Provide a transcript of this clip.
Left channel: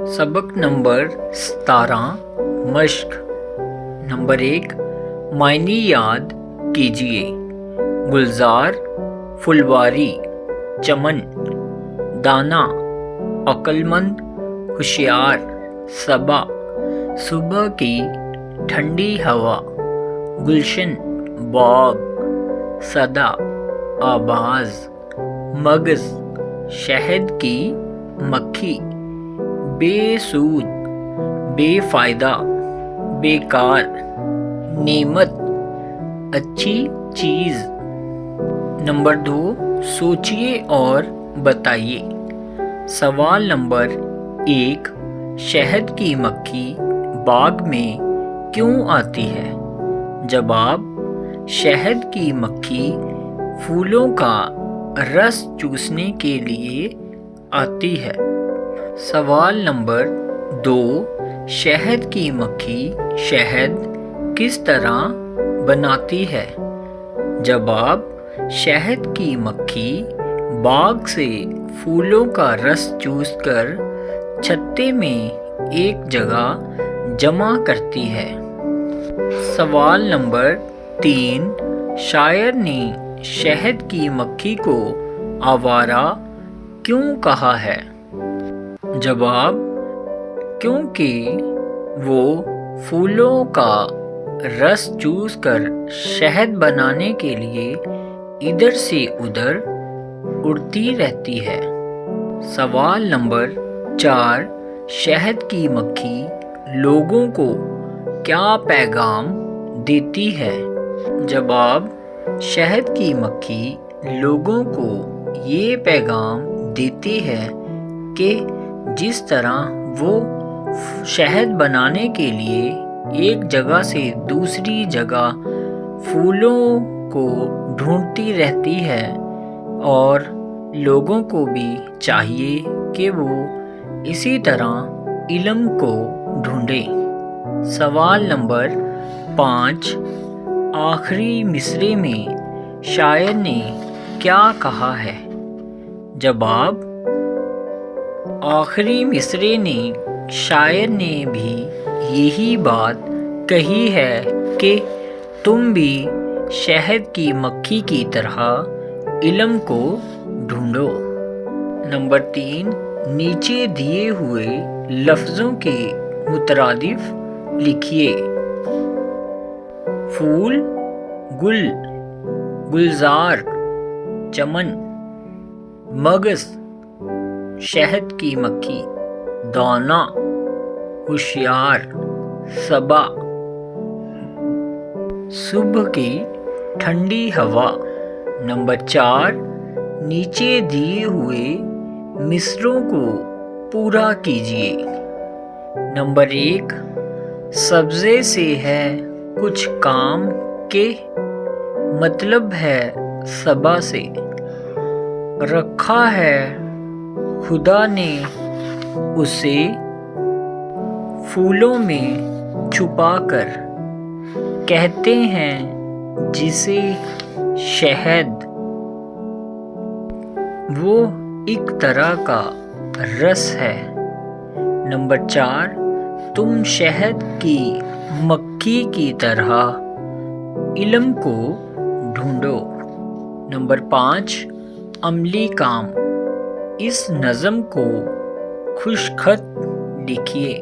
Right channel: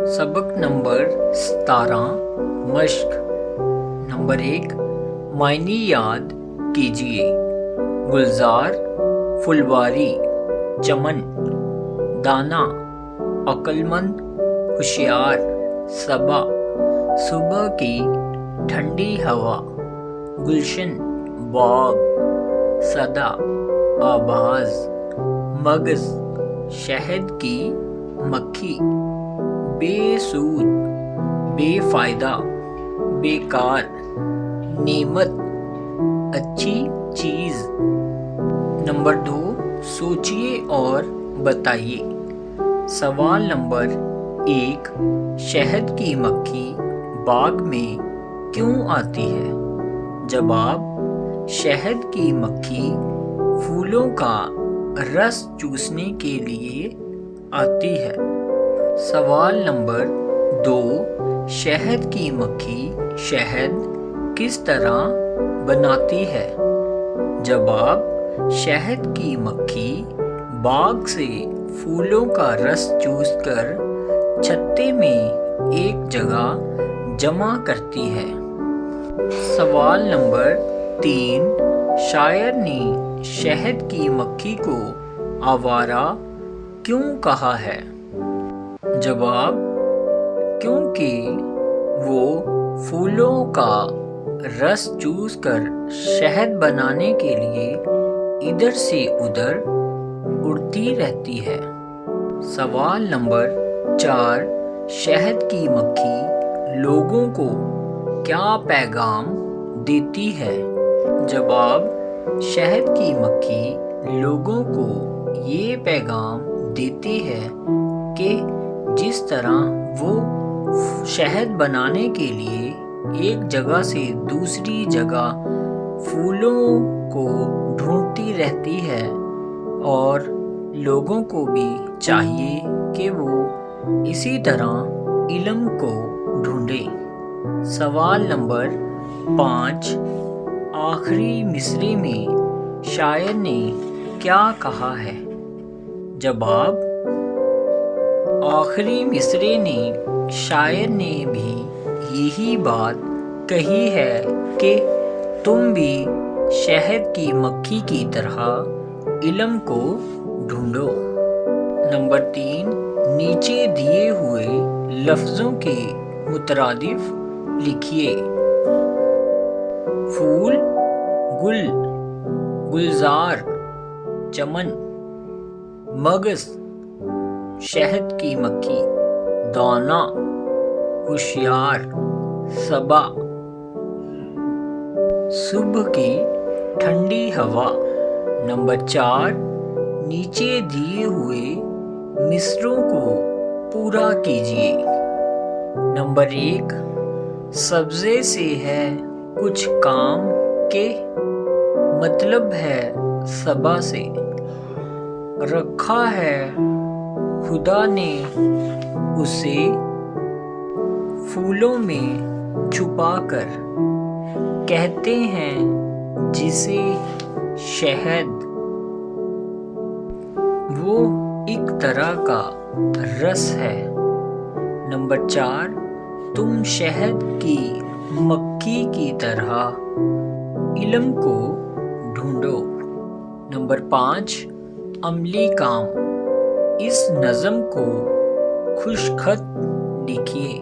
सबक number 17 मश्क। Number 1 मायने याद कीजिए। गुलजार, फुलवारी, चमन, दाना, अक्लमंद, होशियार, सबा, सुबह की ठंडी हवा, गुलशन, बाग, सदा, आवाज, मगज, शहद की मक्खी, बेसूद, बेफायदा, बेकार, नेमत, अच्छी चीज। नंबर 2 सोचिए और बताइए। सवाल नंबर 1 शहद की मक्खी बाग में क्यों आती है? जवाब: शहद की मक्खी फूलों का रस चूसने के लिए आती है। सवाल नंबर 2 शहद की मक्खी शहद किस तरह बनाती है? जवाब: शहद की मक्खी बाग से फूलों का रस चूसकर छत्ते में एक जगह जमा करती है। सवाल नंबर 3 शायर ने शहद की मक्खी को आवारा क्यों कहा है? जवाब: क्योंकि वो फूलों का रस चूसकर शहद बनाने के लिए इधर से उधर उड़ती रहती है। सवाल नंबर 4 शहद की मक्खी लोगों को क्या पैगाम देती है? जवाब: शहद की मक्खी लोगों को ये पैगाम देती है कि जिस तरह वो शहद बनाने के लिए एक जगह से दूसरी जगह फूलों को ढूंढती रहती है, और लोगों को भी चाहिए कि वो इसी तरह इल्म को ढूंढें। सवाल नंबर 5 आखिरी मिसरे में शायर ने क्या कहा है? जवाब: आखिरी मिसरे ने शायर ने भी यही बात कही है कि तुम भी शहद की मक्खी की तरह इल्म को ढूंढो। नंबर 3 नीचे दिए हुए लफ्ज़ों के मुतरादिफ लिखिए। फूल, गुल, गुलजार, चमन, मगज, शहद की मक्खी, दाना, होशियार, सबा, सुबह की ठंडी हवा। नंबर 4 नीचे दिए हुए मिसरों को पूरा कीजिए। नंबर 1 सब्ज़े से है कुछ काम के मतलब है सबा से, रखा है खुदा ने उसे फूलों में छुपा कर, कहते हैं जिसे शहद, वो एक तरह का रस है। नंबर 4 तुम शहद की मक्खी की तरह इल्म को ढूंढो। नंबर 5 अमली काम। इस नज़म को खुशखत लिखिए।